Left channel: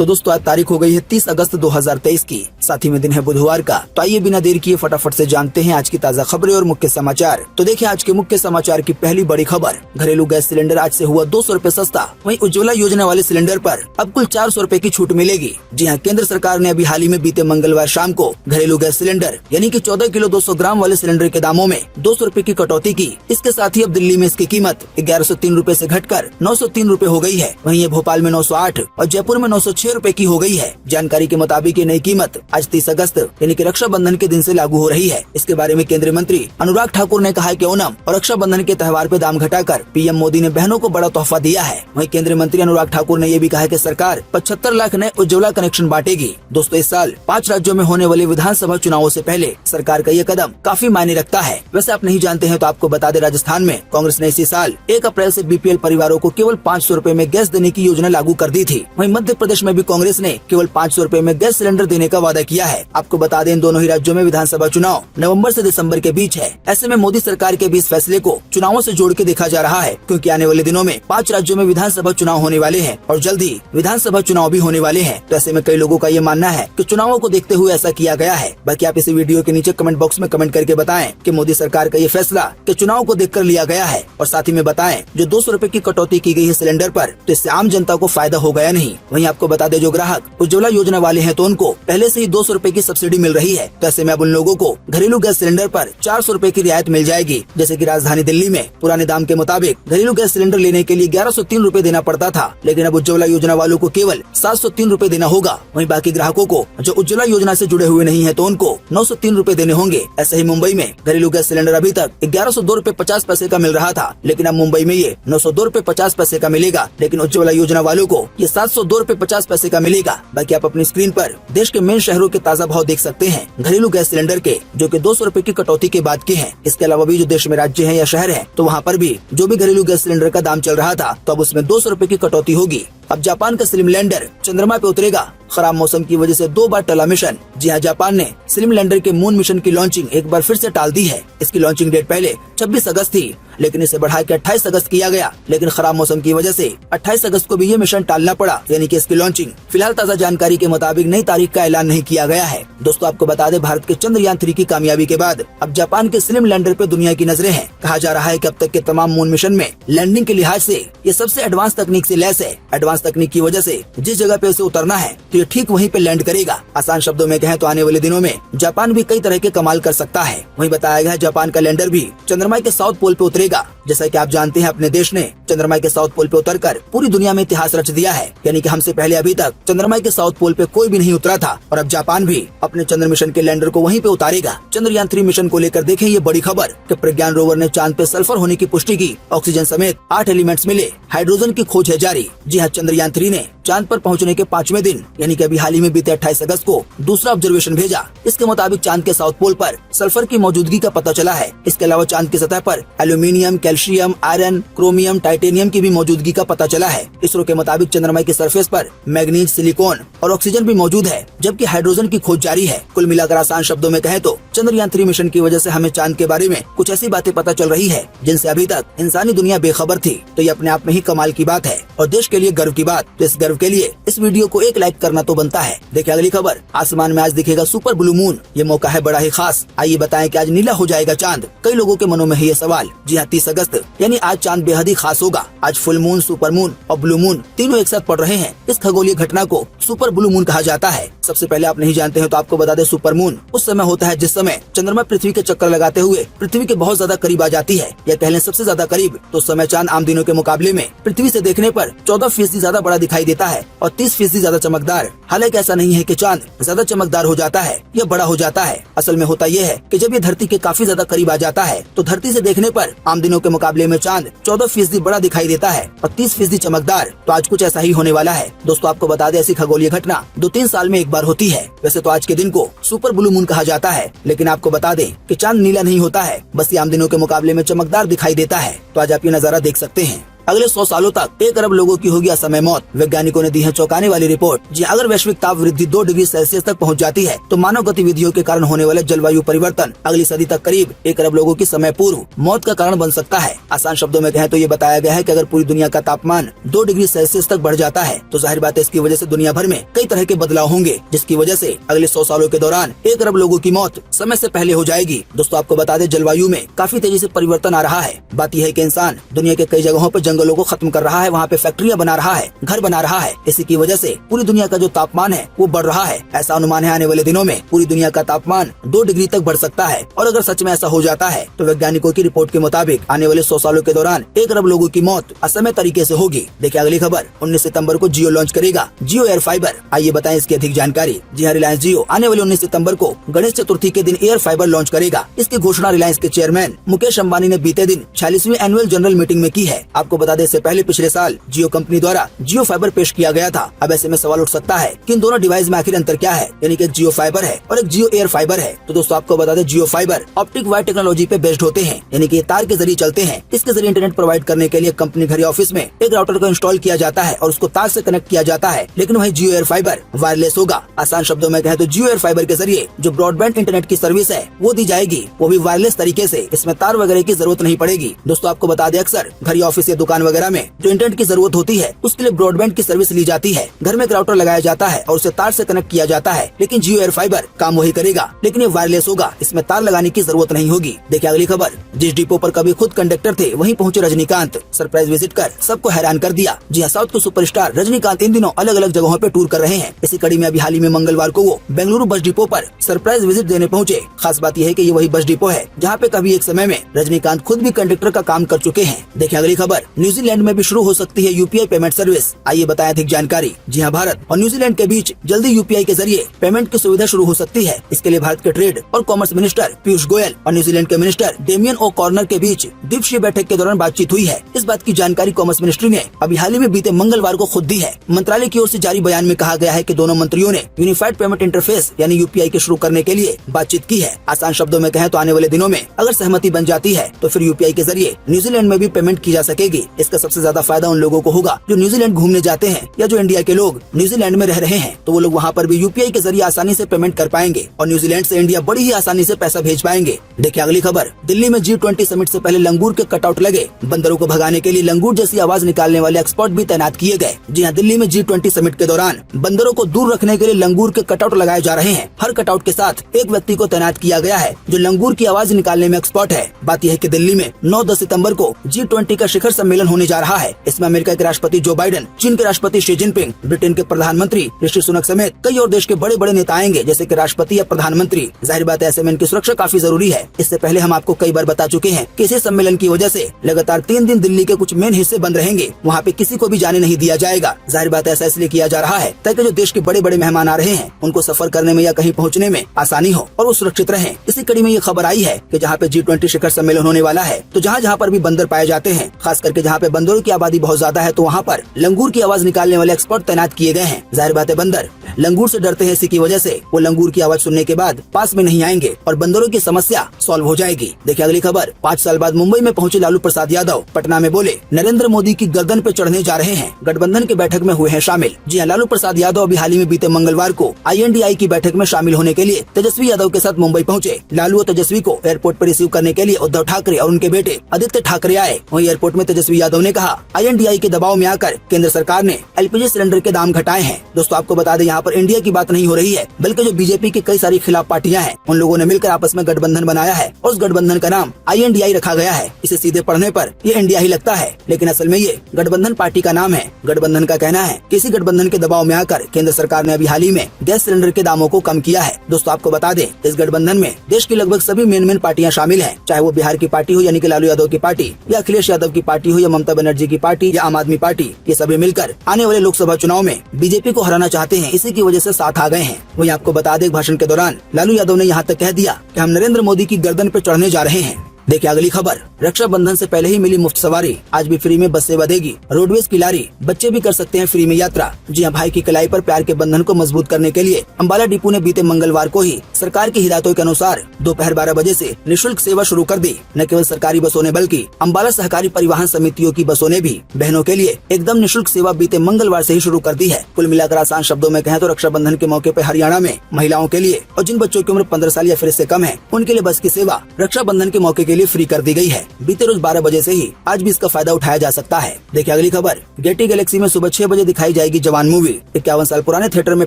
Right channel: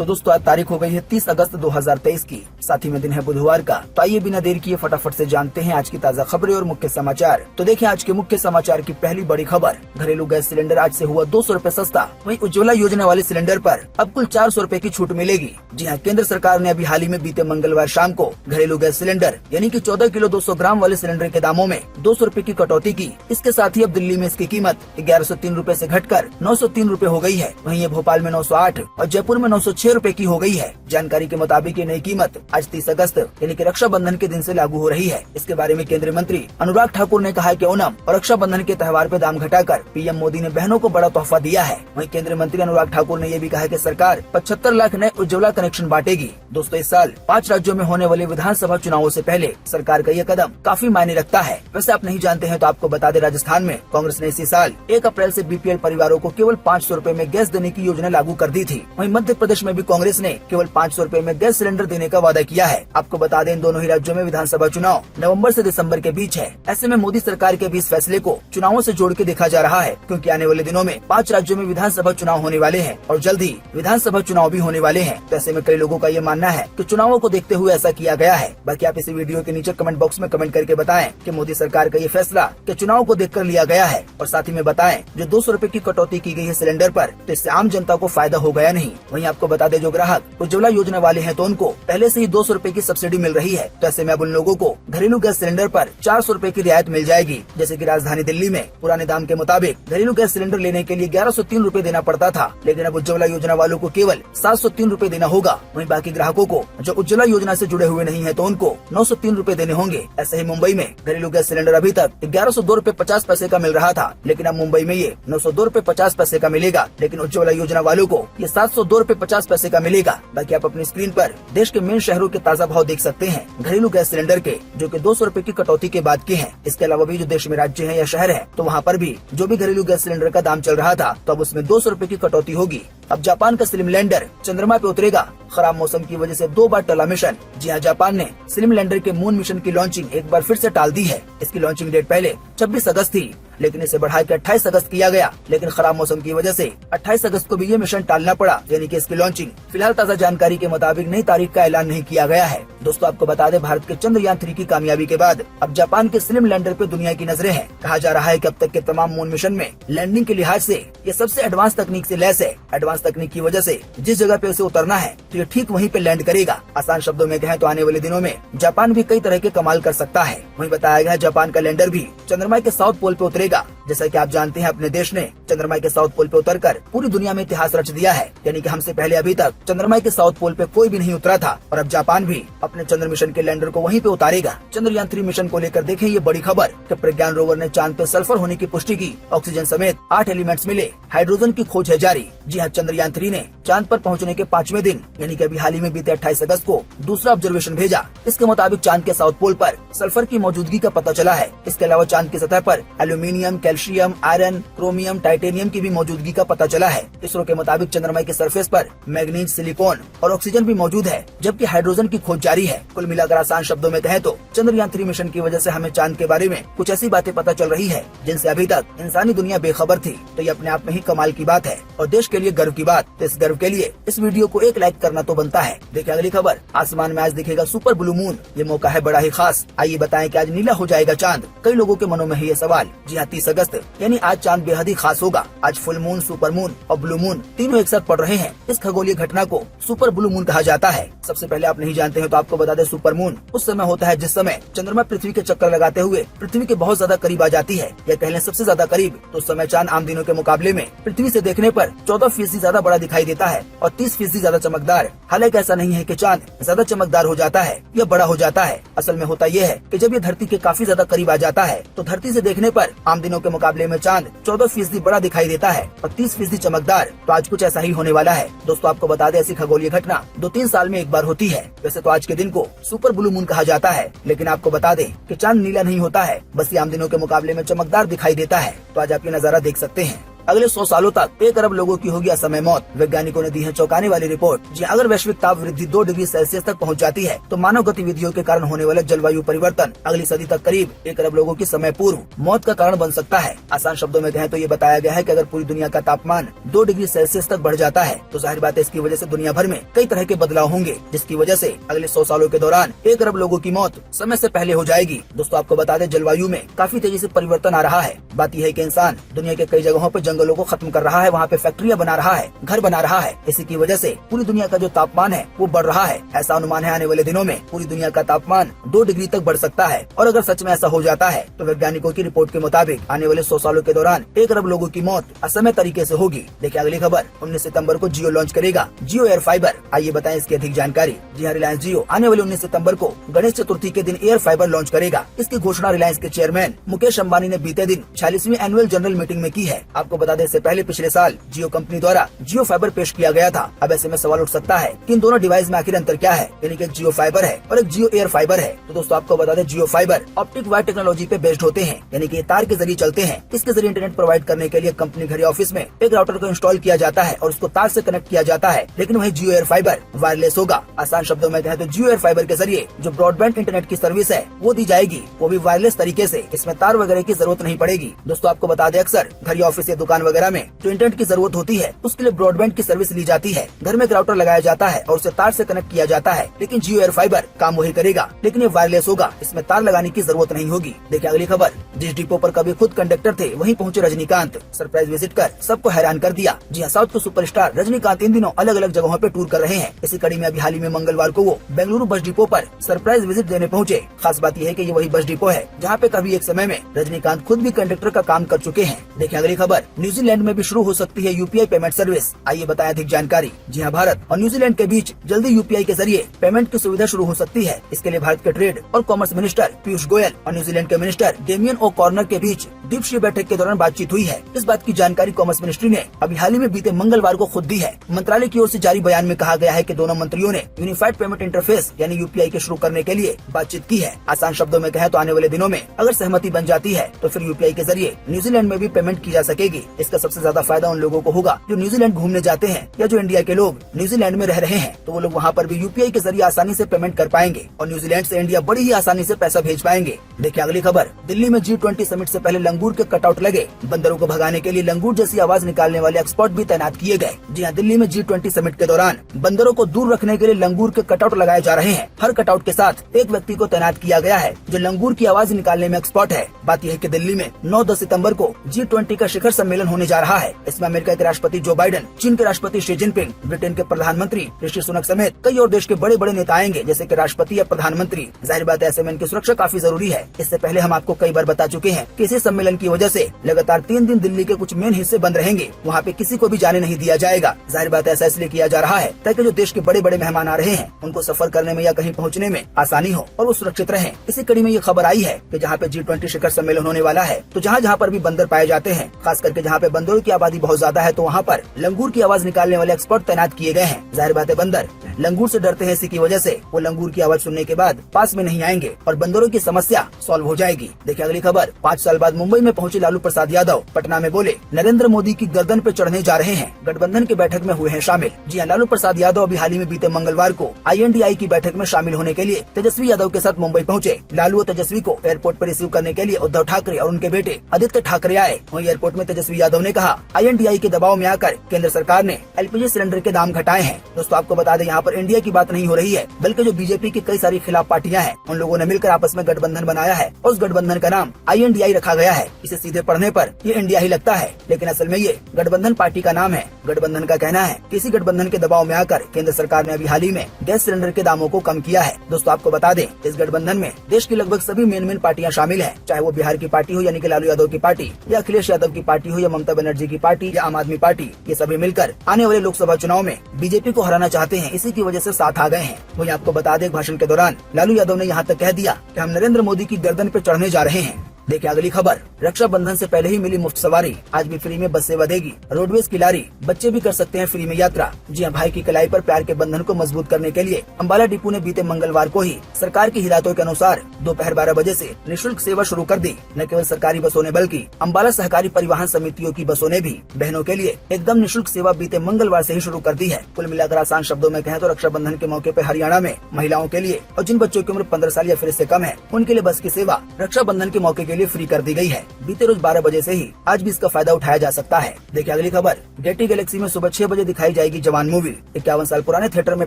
तो दोस्तों आज तारीख हो गई है 30 अगस्त 2023 की, साथ ही में दिन है बुधवार का। तो आइए बिना देर किए फटाफट से जानते हैं आज की ताज़ा खबरें और मुख्य समाचार। तो देखिए आज के मुख्य समाचार की पहली बड़ी खबर, घरेलू गैस सिलेंडर आज से हुआ 200 रूपए सस्ता। वहीं उज्ज्वला योजना वाले सिलेंडर पर अब कुल 400 रूपए की छूट मिलेगी। जी हाँ, केंद्र सरकार ने अभी हाल ही में बीते मंगलवार शाम को घरेलू गैस सिलेंडर यानी कि 14 किलो 200 ग्राम वाले सिलेंडर के दामों में 200 रूपए की कटौती की। इसके साथ ही अब दिल्ली में इसकी कीमत 1103 रूपए से घटकर 903 रूपए हो गई है। वहीं ये भोपाल में 908 और जयपुर में 906 रूपए की हो गई है। जानकारी के मुताबिक ये नई कीमत आज 30 अगस्त यानी कि रक्षाबंधन के दिन से लागू हो रही है। इसके बारे में केंद्रीय मंत्री अनुराग ठाकुर ने कहा कि ओणम और रक्षाबंधन के त्योहार पे दाम घटाकर पीएम मोदी ने बहनों को बड़ा तोहफा दिया है। वहीं केंद्रीय मंत्री अनुराग ठाकुर ने ये भी कहा कि सरकार 75 लाख नए उज्ज्वला कनेक्शन बांटेगी। दोस्तों इस साल 5 राज्यों में होने वाले विधानसभा चुनावों से पहले सरकार का ये कदम काफी मायने रखता है। वैसे आप नहीं जानते हैं तो आपको बता दें, राजस्थान में कांग्रेस ने इसी साल 1 अप्रैल से बीपीएल परिवारों को केवल 500 रूपए में गैस देने की योजना लागू कर दी थी। वहीं मध्य प्रदेश में भी कांग्रेस ने केवल 500 रूपए में गैस सिलेंडर देने का वादा किया है। आपको बता दें, इन दोनों ही राज्यों में विधानसभा चुनाव नवंबर से दिसंबर के बीच है। ऐसे में मोदी सरकार के भी इस फैसले को चुनावों से जोड़ के देखा जा रहा है, क्योंकि आने वाले दिनों में 5 राज्यों में विधानसभा चुनाव होने वाले हैं और जल्द ही विधानसभा चुनाव भी होने वाले हैं। तो ऐसे में कई लोगों का ये मानना है कि चुनावों को देखते हुए ऐसा किया गया है। बाकी आप इसी वीडियो के नीचे कमेंट बॉक्स में कमेंट करके बताएं कि मोदी सरकार का ये फैसला कि चुनाव को देखकर लिया गया है, और साथ ही में बताएं जो 200 रूपए की कटौती की गई है सिलेंडर पर, तो इससे आम जनता को फायदा हो गया नहीं। वहीं आपको बता दें, जो ग्राहक उज्ज्वला योजना वाले हैं तो उनको पहले से ही 200 रूपए की सब्सिडी मिल रही है। तो ऐसे में अब उन लोगों को घरेलू गैस सिलेंडर पर 400 रूपए की रियायत मिल जाएगी। जैसे कि राजधानी दिल्ली में पुराने दाम के मुताबिक घरेलू गैस सिलेंडर लेने के लिए 1103 रूपए देना पड़ता था, लेकिन अब उज्ज्वला योजना वालों को केवल 703 रूपए देना होगा। वहीं बाकी ग्राहकों को जो उज्ज्वला योजना से जुड़े हुए नहीं है तो उनको 903 रूपए देने होंगे। ऐसे ही मुंबई में घरेलू गैस सिलेंडर अभी तक 1102 रूपए 50 पैसे का मिल रहा था, लेकिन अब मुंबई में ये 902 रूपए 50 पैसे का मिलेगा। लेकिन उज्ज्वला योजना वालों को ये 702 रूपए 50 पैसे का मिलेगा। बाकी आप अपनी स्क्रीन पर देश के मेन शहरों के ताज़ा भाव देख सकते हैं घरेलू गैस सिलेंडर के, जो कि 200 रूपए की कटौती के बाद के हैं। इसके अलावा भी जो देश में राज्य हैं या शहर हैं, तो वहाँ पर भी जो भी घरेलू गैस सिलेंडर का दाम चल रहा था, तो अब उसमें 200 रूपए की कटौती होगी। अब जापान का स्लिम लैंडर चंद्रमा पे उतरेगा। खराब मौसम की वजह से 2 बार टला मिशन। जी हाँ, जापान ने स्लिम लैंडर के मून मिशन की लॉन्चिंग एक बार फिर से टाल दी है। इसकी लॉन्चिंग डेट पहले 26 अगस्त थी, लेकिन इसे बढ़ा के 28 अगस्त किया गया। लेकिन खराब मौसम की वजह से 28 अगस्त को भी ये मिशन टालना पड़ा, यानी कि इसकी लॉन्चिंग फिलहाल ताज़ा जानकारी के मुताबिक नई तारीख का ऐलान नहीं किया गया है। दोस्तों आपको बता दें, भारत के चंद्रयान 3 की कामयाबी के बाद अब जापान के स्लिम लैंडर पे दुनिया की नजरें हैं। कहा जा रहा है कि अब तक के तमाम मून मिशन में लैंडिंग के लिहाज से ये सबसे एडवांस तकनीक से लैस है। एडवांस तकनीक की वजह से जिस जगह पे उसे उतरना है तो ये ठीक वहीं पे लैंड करेगा। आसान शब्दों में कहें तो आने वाले दिनों में जापान भी कई तरह के कमाल कर सकता है। वहीं बताया गया है जापान का लैंडर भी चंद्रमा के साउथ पोल पे उतरेगा। जैसा कि आप जानते हैं, अपने देश ने चंद्रमा के साउथ पोल पे उतरकर पूरी दुनिया में इतिहास रच दिया है। यानी कि हमसे पहले अभी तक चंद्रमा के साउथ पोल पे कोई भी नहीं उतरा था, और अब जापान भी अपने चंद्र मिशन के लैंडर को वहीं पे उतारेगा। चंद्रयान 3 मिशन को लेकर देखें ये बड़ी खबर कि प्रज्ञान रोवर ने चांद पे सल्फर होने की पुष्टि की। ऑक्सीजन समेत 8 एलिमेंट्स मिले। हाइड्रोजन की खोज है जारी। जी हाँ, चंद्रयान 3 ने चांद पर पहुंचने के 5वें दिन यानी कि अभी हाल ही में बीते 28 अगस्त को दूसरा ऑब्जर्वेशन भेजा। इसके मुताबिक चांद के साउथ पोल पर सल्फर की मौजूदगी का पता चला है। इसके अलावा चांद की सतह पर aluminium, calcium, iron, chromium, titanium की भी मौजूदगी का पता चला है। इसरो के मुताबिक चंद्रमा की सरफेस पर मैग्नीज, सिलिकॉन और ऑक्सीजन भी मौजूद है, जबकि हाइड्रोजन की खोज जारी है। कुल मिलाकर आसान शब्दों में कहें तो चंद्रयान 3 मिशन की वजह से हमें चांद के बारे में कुछ ऐसी बातें पता चल रही है जिनसे अभी तक इंसानी दुनिया बेखबर थी। तो ये अपने आप में ही कमाल की बात है और देश के लिए गर्व की बात। तो इस गर्व के लिए इस वीडियो को एक लाइक करना तो बनता है। देखिए अगली खबर, आसमान में आज दिखेगा सुपर ब्लू मून। ये मौका है बड़ा ही खास। आइए बताएं कि आज नीला हो जाएगा चांद। कई लोगों के मनों में है ये सवाल। जी हाँ, 30 अगस्त यानी आज चांद बेहद ही खास होगा। आज फुल मून, सुपर मून और ब्लू मून तीनों एक साथ पड़ रहे हैं। इस खगोलीय घटना को सुपर ब्लू मून कहा जाता है। सबसे पहले आप नहीं जानते हैं तो आपको बता दें, सुपर मून उस समय होता है जिस समय चंद्रमा पृथ्वी के चक्कर लगाते हुए पृथ्वी के बहुत ज्यादा करीब आ जाती है, या कह लें सबसे ज्यादा करीब। तो उस समय चांद आम दिनों के मुकाबले में पृथ्वी से देखने पर 14% ज्यादा बड़ा दिखाई देता है और 30% ज्यादा चमकदार। हालांकि ऐसा नहीं है कि चांद ज्यादा चमकदार हो जाता है या बड़ा हो जाता है। असल में होता यह है कि जब ये धरती के काफी ज्यादा करीब आ जाता है तो धरती से देखने पर आम दिनों के मुकाबले में चांद 14% बड़ा दिखाई देता है और 30% चमकदार। तो आज कुछ ऐसा ही होने वाला है। दोस्तों आपको बता दें, ऐसी खगोलीय घटना 2-3 साल में एक बार होती है। वैसे तो आज के दिन को सुपर ब्लू मून कहा जाता है, लेकिन आपको बता दें कि चांद नीला नहीं होता है, बस ये आम दिनों के मुकाबले में चमकदार दिखाई देता है। तो आज आप ये नजारा देख सकते हैं। अगले 100 सालों तक 1 अरब लोगों की होगी असमय मौत। वैज्ञानिकों ने दी है चौंकाने वाली रिपोर्ट। जी अगर वैश्विक ताप वृद्धि 2 डिग्री सेल्सियस तक पहुँच जाती है तो मानव गतिविधियों के कारण होने वाले जलवायु परिवर्तन अगली सदी तक करीब 1 अरब लोगों की समय पूर्व मौत का कारण बन सकता है। आसान शब्दों में कहें तो ये बताया गया है कि अगर पूरी दुनिया का तापमान 2 डिग्री सेल्सियस तक बढ़ जाता है तो जाहिर बात है इसकी वजह से दुनिया भर में कई तरह के बदलाव होंगे, जिसकी वजह से अगले 100 सालों के दौरान 1 अरब लोगों की मौत समय से पहले हो जाएगी। दोस्तों आपको बता दें जलवायु में काफी तेजी से परिवर्तन आ रहा है। बात यह है कि इंसान दुनिया के कई जगहों पर जंगलों को खत्म कर रहा है, वहाँ पे फैक्ट्रियाँ बना रहा है, घर बना रहा है। इसी की वजह से पूरी दुनिया का जो तापमान है वो बढ़ रहा है। ऐसा अनुमान है आने वाले दिनों में पूरी दुनिया का तापमान 2 डिग्री तक बढ़ सकता है। और अगर सच में ऐसा हो जाता है तो वैज्ञानिकों की रिपोर्ट के मुताबिक आने वाले 100 सालों के दौरान 1 अरब लोगों की मौत असमय तरीके से होगी। देखिए अगली खबर, 19 सितंबर को जियो लॉन्च करेगा जियो एयर फाइबर। आइए बताएं इसकी अधिक जानकारी। जी हाँ, रिलायंस जियो आने वाले 19 सितंबर को गणेश चतुर्थी के दिन एयर फाइबर लॉन्च करेगा। इसकी घोषणा रिलायंस के चेयरमैन मुकेश अंबानी ने बीते दिन 46वीं एनुअल जनरल मीटिंग में की है। आपको बता दें इससे पहले पिछले साल जियो कंपनी द्वारा जियो फाइबर पेश किया गया था। अब ऐसे में सवाल उठ सकता है कि इन दोनों डिवाइस में आखिर अंतर क्या है, यानी कि जियो फाइबर है और एक जियो एयर फाइबर है। तो दोस्तों आपको बता दें जियो फाइबर ऑप्टिक वायर टेक्नोलॉजी पे बेस्ड होते हैं, यानी कि तार के जरिए चलते हैं। इसके जरिए इंटरनेट प्रोवाइड करने के लिए कंपनी घर या ऑफिस में एक राउटर को इंस्टॉल किया जाता है और उसको तार से कनेक्ट किया जाता है। लेकिन वही जियो एयर फाइबर वायरलेस होगा। आसान शब्दों में कहें तो जियो एयर फाइबर के जरिए जो ब्रॉडबैंड इंटरनेट की सर्विस है वो दी जाएगी, वो भी वायरलेस तरीके से। इसमें तार वगैरह की जरूरत नहीं पड़ेगी। दोस्तों आपको बता दें अक्सर घर या ऑफिस या दुकान वगैरह में जो इंटरनेट की जरूरत होती है उसके लिए ब्रॉडबैंड की सर्विस ली जाती है। घर में एक राउटर लगाया जाता है और उसे तार से कनेक्ट किया जाता है। लेकिन जियो एयर फाइबर काम वही करेगा, लेकिन ये वायरलेस होगा। इसमें तार लगाने की जरूरत नहीं होगी। देखिए अगली खबर, जिस डिपो पर कभी खुद कंडक्टर थे वहीं पहुंचे रजनीकांत। सरप्राइज विजिट कर सबको हैरान कर दिया। जी हाँ, साउथ के सुपरस्टार रजनीकांत इन दिनों अलग अलग जगहों पे टूर कर रहे हैं। इसी कड़ी में अभी हाल ही में मंगलवार को वो बेंगलुरु बस डिपो पर सरप्राइज विजिट देने पहुंचे। खास बात यह है कि ये वही बस डिपो है जहां पे कभी एक समय में रजनीकांत खुद भी कंडक्टर का काम कर चुके हैं। देखिए अगली खबर, न्यूजीलैंड में भी शुरू हो सकती है यूपीआई पेमेंट सर्विस। आइए बताएं अधिक जानकारी। जी हाँ, भारत और न्यूजीलैंड के बीच जल्दी यूपीआई के जरिए पेमेंट की सुविधा शुरू हो सकती है। इसके लिए भारत के ट्रेड और कॉमर्स मिनिस्टर पीयूष गोयल और न्यूजीलैंड के मिनिस्टर डेमियन ओ कॉर्नर के बीच द्विपक्षीय बैठक के दौरान बातचीत हुई है। इस बात की जानकारी कॉमर्स मिनिस्ट्री ने अभी हाल ही में बीते मंगलवार को खुद दी है। मंत्रालय की ओर से जारी बयान में कहा गया है कि दोनों मंत्रियों ने यूनिफाइड पेमेंट इंटरफेस यानी यूपीआई के शुरू करने के लिए बातचीत की है। आसान शब्दों में कहें तो आने वाले दिनों में अगर सहमति बन जाती है तो फिर यूपीआई के जरिए न्यूजीलैंड में भी पेमेंट की जा सकेगी। इसका सबसे ज्यादा फायदा उन लोगों को होगा जो न्यूजीलैंड घूमने जाते हैं या जो इंडिया के लोग न्यूजीलैंड में रह रहे हैं, तो वो लोग वहाँ पर भी यूपीआई के जरिए आसानी से पेमेंट कर पाएंगे और न्यूजीलैंड से इंडिया बड़ी ही आसानी से पैसा भेज पाएंगे। देखिए अगली खबर, दिल्ली में G20 समिट से पहले लंगूर के कटआउट लगे। बंदरों को भगाने के लिए लंगूर जैसी आवाज निकालने वाले एक्सपर्ट भी तैनात किए गए। जी हाँ, दिल्ली में G20 समिट के दौरान बंदरों को दूर रखने के लिए लंगूर के कटआउट लगाए जा रहे हैं। हर कटआउट के साथ एक व्यक्ति को तैनात किया गया है जो लंगूर की आवाज निकालने में एक्सपर्ट है। बात यह है कि दिल्ली में 9-10 सितंबर को G20 का शिखर सम्मेलन होने जा रहा है। इसमें अमेरिका के राष्ट्रपति जो बाइडेन, चीन के राष्ट्रपति शी जिनपिंग, ब्रिटेन के प्रधानमंत्री ऋषि सुनक समेत कई और देश के बड़े बड़े नेता आएंगे, जैसे कि राष्ट्रपति या प्रधानमंत्री। जाहिर बात है ऐसे में इनकी सुरक्षा काफी जरूरी है। इससे पहले हम आपको कई बार बता चुके हैं कि इसी सम्मेलन की वजह से लगातार 3 दिन दिल्ली के कुछ मेन हिस्से बंद रहेंगे। वहाँ पे किसी को भी जाने नहीं दिया जाएगा। जाहिर बात है ऐसा इसलिए किया जा रहा है ताकि जो देश के बड़े बड़े मेहमान आ रहे हैं उनको सफर करने में या कहीं पहुँचने में आसानी हो और वो सुरक्षित रहें। इसी कड़ी में ये खबर आई है कि जहाँ पे G20 शिखर सम्मेलन होने वाला है तो जहाँ जहाँ पर भी बंदर पाए जाते हैं, खास करके जहाँ पे बंदरों की आबादी बहुत ज्यादा है, तो वहाँ पर लंगूर की आवाज निकालने वाले एक्सपर्ट तैनात किए गए हैं। जाहिर बात है बंदर लंगूर से डरते हैं, इसी की वजह से वो लंगूर की आवाज सुनने के बाद पास में नहीं आएंगे और बंदरों की समस्या सॉल्व हो जाएगी। देखिए अगली खबर, 5 साल बाद मुंबई में पहुंचे लालू प्रसाद यादव। पटना में बोले नरेंद्र मोदी की गर्दन पे चढ़ने जा रहे हैं। गठबंधन की बैठक में हुए हैं शामिल। जी हाँ, लालू प्रसाद यादव अभी हाल ही में बीते मंगलवार को INDI की बैठक में शामिल होने के लिए तेजस्वी यादव के साथ मुंबई पहुंचे। लालू और तेजस्वी को एयरपोर्ट पर रिसीव करने के लिए उद्धव ठाकरे और उनके बेटे आदित्य ठाकरे आए। वहीं एयरपोर्ट में तेजस्वी यादव ने कहा INDI के दबाव में आकर केंद्र सरकार ने LPG सिलेंडर के दाम घटाए हैं। दोस्तों आपको बता दें यहाँ पर इंडिया की बात नहीं हो रही है, बल्कि जो बीजेपी की कई सारी खिलाफ पार्टियां हैं उन लोगों ने मिलकर आपस में गठबंधन बनाया है और उस गठबंधन का नाम INDI रखा गया है। इसे सीधे पढ़ने पर ये इंडिया ही लगता है, लेकिन असल में ये गठबंधन पार्टी का नाम है। गठबंधन का कहना है कि इसी गठबंधन के दबाव में आकर केंद्र सरकार ने अभी हाल ही में गैस सिलेंडर के दामों को कम किया है। दोस्तों आपको बता दें इस गठबंधन में देश की लगभग सभी मेन पार्टियां शामिल हैं, चाहे वो बिहार की पार्टी हो यानी कि लालू यादव की पार्टी, या अखिलेश यादव की पार्टी हो, या ममता बनर्जी की पार्टी, या आम आदमी पार्टी। ये सभी मिलकर आने वाले लोकसभा चुनाव में बीजेपी को हराना चाहते हैं। इसी की वजह से साथ आ गए हैं। वहीं आपको बता दें भाषण के दौरान लालू यादव ने यहाँ तक कह दिया कि हम नरेंद्र मोदी की गर्दन पे चढ़ने जा रहे हैं। देखिए अगली खबर, रक्षाबंधन से पहले ही मिली मुफ्त सवारी, आज भी फ्री में बस सेवा देगी रोडवेज की लारी, बच्चे भी कर सकते हैं फ्री में यात्रा। जी हां, भाई की कलाई पर प्यार के बंधन को मजबूत करने के लिए अंबाला डिपो ने बीते मंगलवार को ही सरकार की हिदायतों के अनुसार दोपहर 12 बजे से निःशुल्क सेवा शुरू कर दी। न केवल सरकारी बसों ने बल्कि अंबाला सहकारी परिवहन समितियों की बसों ने भी बहनों के लिए एकदम निःशुल्क सेवा बीते मंगलवार से ही शुरू कर दी है। कुल मिलाकर आसान शब्दों में कहें तो रक्षाबंधन के मौके पर हरियाणा में महिलाओं के लिए और जिन बच्चों की उम्र 15 साल या फिर इससे कम है उनके लिए बस की सेवा रक्षाबंधन के मौके के लिए फ्री कर दी गई है। बीते रोज 12 बजे से ही आज भी इसका फायदा उठाया जा सकता है। देखिए अगली खबर, गेटी गैलेक्सी में सुबह 6 बजे दिखाई जाएगी जवान मूवी। 51 साल पुराने थिएटर में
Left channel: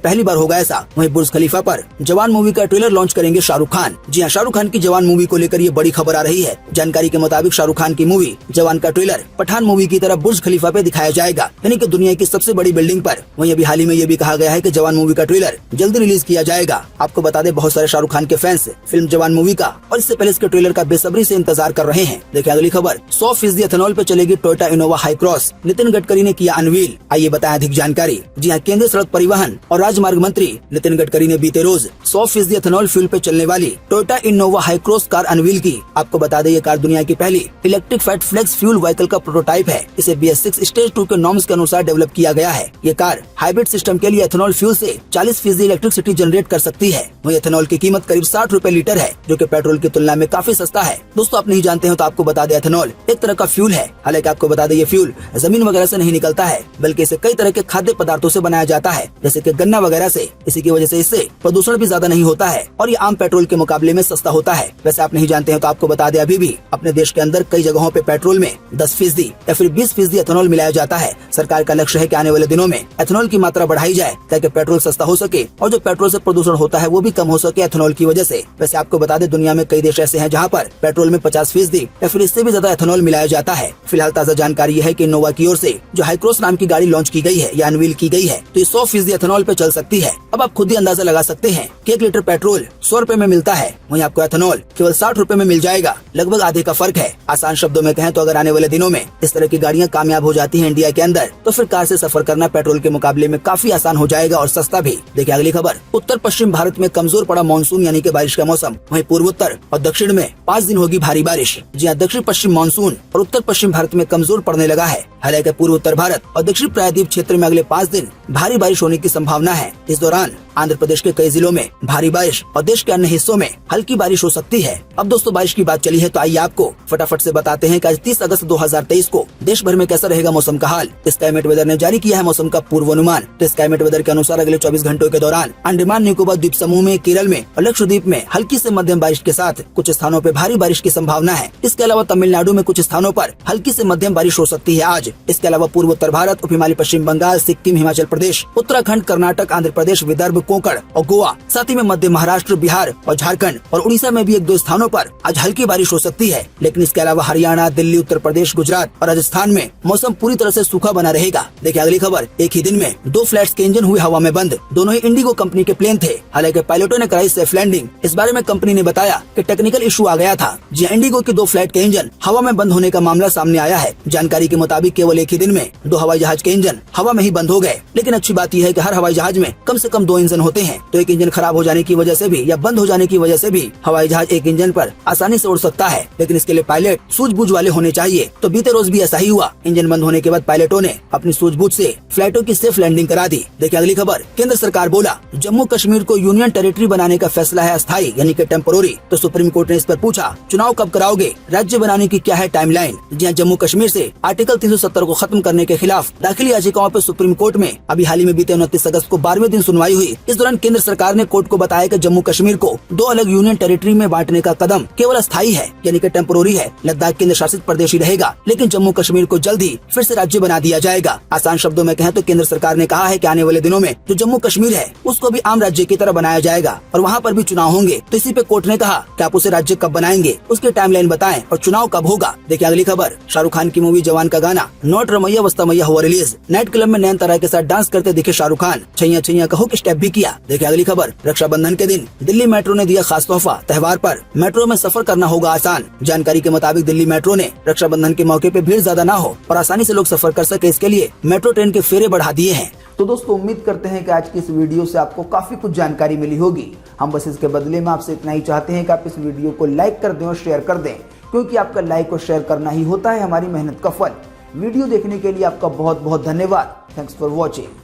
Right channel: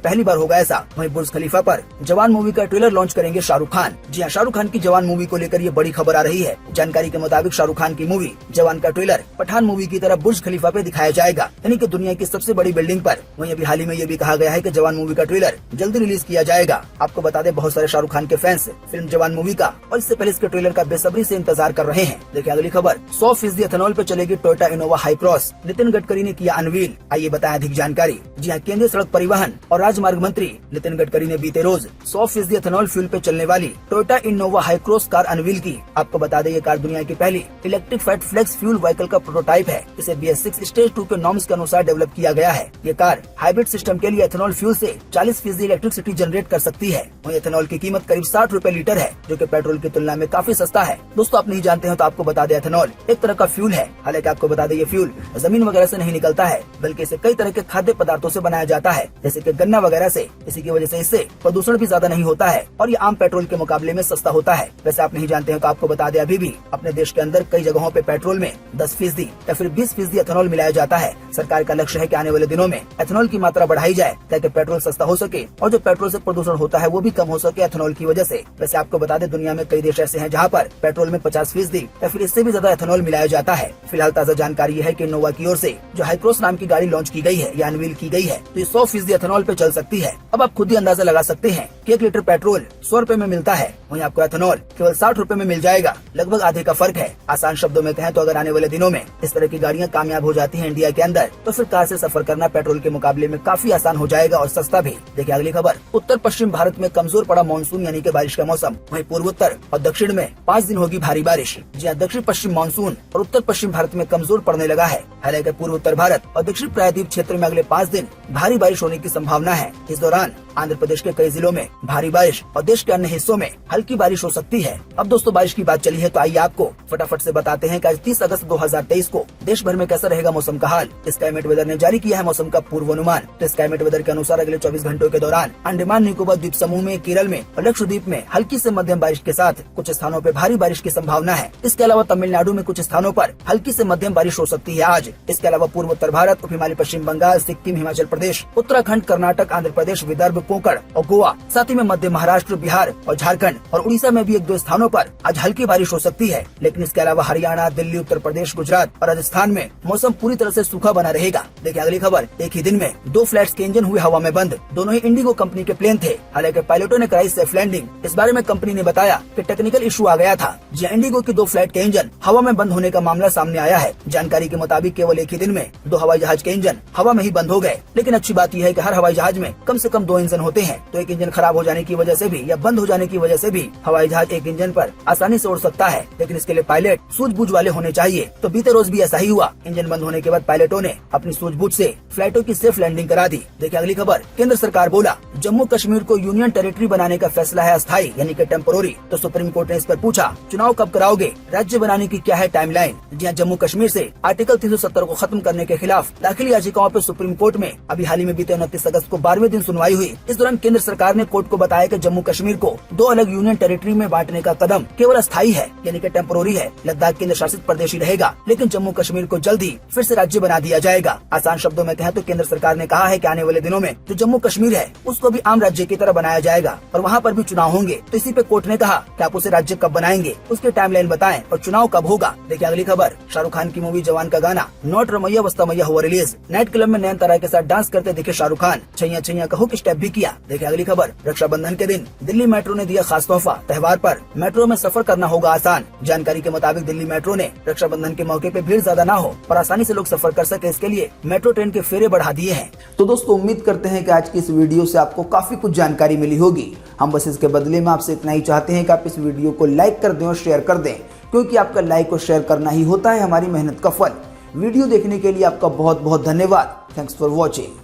पहली बार होगा ऐसा। वहीं बुर्ज खलीफा पर जवान मूवी का ट्रेलर लॉन्च करेंगे शाहरुख खान। जी हां, शाहरुख खान की जवान मूवी को लेकर ये बड़ी खबर आ रही है। जानकारी के मुताबिक शाहरुख खान की मूवी जवान का ट्रेलर पठान मूवी की तरह बुर्ज खलीफा पे दिखाया जाएगा, यानी कि दुनिया की सबसे बड़ी बिल्डिंग पर। वहीं अभी हाल ही में ये भी कहा गया है कि जवान मूवी का ट्रेलर जल्दी रिलीज किया जाएगा। आपको बता दें, बहुत सारे शाहरुख खान के फैंस फिल्म जवान मूवी का और इससे पहले इसके ट्रेलर का बेसब्री से इंतजार कर रहे हैं। देखिए अगली खबर, 100% एथेनॉल पे चलेगी Toyota Innova high cross, Nitin Gadkari ने किया अनवील। आइए बताएं अधिक जानकारी। जी हां, केंद्रीय सड़क परिवहन और राजमार्ग मंत्री नितिन गडकरी ने बीते रोज 100% एथेनॉल फ्यूल पे चलने वाली Toyota Innova Hycross car unveil की। आपको बता दें, ये कार दुनिया की पहली electric fat flex fuel vehicle का प्रोटोटाइप है। इसे BS6 स्टेज 2 के नॉर्म्स के अनुसार डेवलप किया गया है। ये कार हाइब्रिड सिस्टम के लिए एथेनॉल फ्यूल से 40% इलेक्ट्रिसिटी जनरेट कर सकती है। वही एथेनॉल की कीमत करीब 60 रुपए लीटर है, जो कि पेट्रोल की तुलना में काफी सस्ता है। दोस्तों, आप नहीं जानते हो तो आपको बता दें, एथेनॉल एक तरह का फ्यूल है। हालांकि आपको बता दें, ये फ्यूल जमीन वगैरह से नहीं निकलता है, बल्कि इसे कई तरह के खाद्य पदार्थों से बनाया जाता है, जैसे कि गन्ना वगैरह से। इसी की वजह से इससे प्रदूषण भी ज्यादा नहीं होता है और ये आम पेट्रोल के मुकाबले में सस्ता होता है। वैसे आप नहीं जानते हो तो आपको बता दें, अभी भी अपने देश के अंदर कई जगहों पे पेट्रोल में 10% या फिर 20% एथेनॉल मिलाया जाता है। सरकार का लक्ष्य है कि आने वाले दिनों में एथेनॉल की मात्रा बढ़ाई जाए ताकि पेट्रोल सस्ता हो सके और जो पेट्रोल से प्रदूषण होता है वो भी कम हो सके एथेनॉल की वजह से। वैसे आपको बता दें, दुनिया में कई देश ऐसे हैं जहाँ पर पेट्रोल में 50% या फिर इससे भी ज्यादा एथेनॉल मिलाया जाता है। फिलहाल ताजा जानकारी है कि इनोवा की ओर से जो हाईक्रॉस नाम की गाड़ी लॉन्च की गई है या अनवील की गई है, तो ये 100% एथेनॉल पे चल सकती है। अब आप खुद ही अंदाजा लगा सकते हैं कि 1 लीटर पेट्रोल 100 रुपए में मिलता है, वहीं आपको एथेनॉल केवल 60 रुपए में मिल जाएगा। लगभग आधे का फर्क है। आसान शब्दों में कहें तो अगर आने वाले दिनों में इस तरह की गाड़ियां कामयाब हो जाती हैं इंडिया के अंदर, तो फिर कार से सफर करना पेट्रोल के मुकाबले में काफी आसान हो जाएगा और सस्ता भी। देखिए अगली खबर, उत्तर पश्चिम भारत में कमजोर पड़ा मानसून यानी कि बारिश का मौसम। वहीं पूर्वोत्तर और दक्षिण में 5 दिन होगी भारी बारिश। जी हां, दक्षिण पश्चिम मानसून और उत्तर पश्चिम भारत में कमजोर पड़ने लगा है। हालांकि पूर्व उत्तर भारत और दक्षिण प्रायद्वीप क्षेत्र में अगले 5 दिन भारी बारिश होने की संभावना है। इस दौरान आंध्र प्रदेश के कई जिलों में भारी बारिश और देश के अन्य हिस्सों में हल्की बारिश हो सकती है। अब दोस्तों, बारिश की बात चली है तो आइए आपको फटाफट से बताते हैं कि आज 30 अगस्त 2023 को देश भर में कैसा रहेगा मौसम का हाल। स्काईमेट वेदर ने जारी किया है मौसम का पूर्वानुमान। तो स्काईमेट वेदर के अनुसार अगले 24 घंटों के दौरान अंडमान निकोबार द्वीप समूह में, केरल में और लक्षद्वीप में हल्की से मध्यम बारिश के साथ कुछ स्थानों पर भारी बारिश की संभावना है। इसके अलावा तमिलनाडु में कुछ स्थानों पर हल्की से मध्यम बारिश हो सकती है आज। इसके अलावा पूर्व उत्तर भारत, उप हिमालय पश्चिम बंगाल, सिक्किम, हिमाचल प्रदेश, उत्तराखंड, कर्नाटक, आंध्र प्रदेश, विदर्भ, कोंकण और गोवा, साथ ही में मध्य महाराष्ट्र, बिहार और झारखंड और उड़ीसा में भी 1-2 स्थानों पर आज हल्की बारिश हो सकती है। लेकिन इसके अलावा हरियाणा, दिल्ली, उत्तर प्रदेश, गुजरात और राजस्थान में मौसम पूरी तरह से सूखा बना रहेगा। देखिए अगली खबर, एक ही दिन में 2 फ्लाइट्स के इंजन हुए हवा में बंद। दोनों ही इंडिगो कंपनी के प्लेन थे। हालांकि पायलटों ने कराई सेफ लैंडिंग। इस बारे में कंपनी ने बताया कि टेक्निकल इशू आ गया था। जी इंडिगो की 2 फ्लाइट के इंजन हवा में बंद होने का मामला सामने आया है। जानकारी के मुताबिक केवल एक ही दिन में 2 हवाई जहाज के इंजन हवा में ही बंद हो गए। लेकिन अच्छी बात यह है कि हर हवाई जहाज में कम से कम 2 इंजन होते हैं, तो एक इंजन खराब हो जाने की वजह से भी या बंद हो जाने की वजह से भी हवाई जहाज एक इंजन पर आसानी से उड़ सकता है। लेकिन इसके लिए पायलट सूझबूझ वाले होने चाहिए। तो बीते रोज भी ऐसा ही हुआ। इंजन बंद होने के बाद पायलटों ने अपनी सूझबूझ से फ्लाइटों की सेफ लैंडिंग करा दी। देखिए अगली खबर, केंद्र सरकार बोला जम्मू कश्मीर को यूनियन टेरिटरी बनाने का फैसला है अस्थायी यानी कि टेम्पोररी। तो सुप्रीम कोर्ट ने इस पर पूछा, चुनाव कब कराओगे, राज्य बनाने की क्या है टाइमलाइन। जी जम्मू कश्मीर से आर्टिकल 370 को खत्म करने के खिलाफ दाखिल याचिकाओं पर सुप्रीम कोर्ट में अभी हाल ही में बीते 29 अगस्त को 12वें दिन सुनवाई हुई। इस दौरान केंद्र सरकार ने कोर्ट को बताया कि जम्मू कश्मीर को 2 अलग यूनियन टेरिटरी में बांटने का कदम केवल अस्थायी है यानी कि टेम्पोररी है। लद्दाख केंद्र शासित प्रदेश ही रहेगा, लेकिन जम्मू कश्मीर को जल्द ही फिर से राज्य बना दिया जाएगा। आसान शब्दों में कहें तो केंद्र सरकार ने कहा है कि आने वाले दिनों में जो जम्मू कश्मीर है उसको भी आम राज्य की तरह बनाया जाएगा और वहाँ पर भी चुनाव होंगे। तो इसी पे कोर्ट ने कहा कि आप उसे राज्य कब बनाएंगे, उसके टाइमलाइन बताएं और चुनाव कब होगा। देखिए अगली खबर, शाहरुख खान की मूवी जवान का गाना नॉट रमैया वस्तमैया हुआ रिलीज। नाइट क्लब में नयनतारा के साथ डांस करते दिखे शाहरुख खान। छैया छैया का हुक स्टेप भी किया। देखिए अगली खबर, रक्षाबंधन के दिन दिल्ली मेट्रो ने दिया खास तोहफा। त्योहार पर मेट्रो में सफर करना होगा आसान। जानकारी के मुताबिक दिल्ली मेट्रो ने रक्षाबंधन के मौके पे भीड़ ज्यादा ना हो और आसानी से लोग सफर कर सके, इसके लिए मेट्रो ट्रेन के फेरे बढ़ा दिए हैं। तो दोस्तों उम्मीद करते हैं कि आज की इस वीडियो से आपको काफी कुछ जानकारी मिली होगी। हम बस इसके बदले में आपसे इतना ही चाहते हैं कि आप इस वीडियो को लाइक कर दें और शेयर कर दें, क्योंकि आपका लाइक और शेयर करना ही होता है हमारी मेहनत का फल। वीडियो देखने के लिए आपका बहुत बहुत धन्यवाद। Thanks for watching.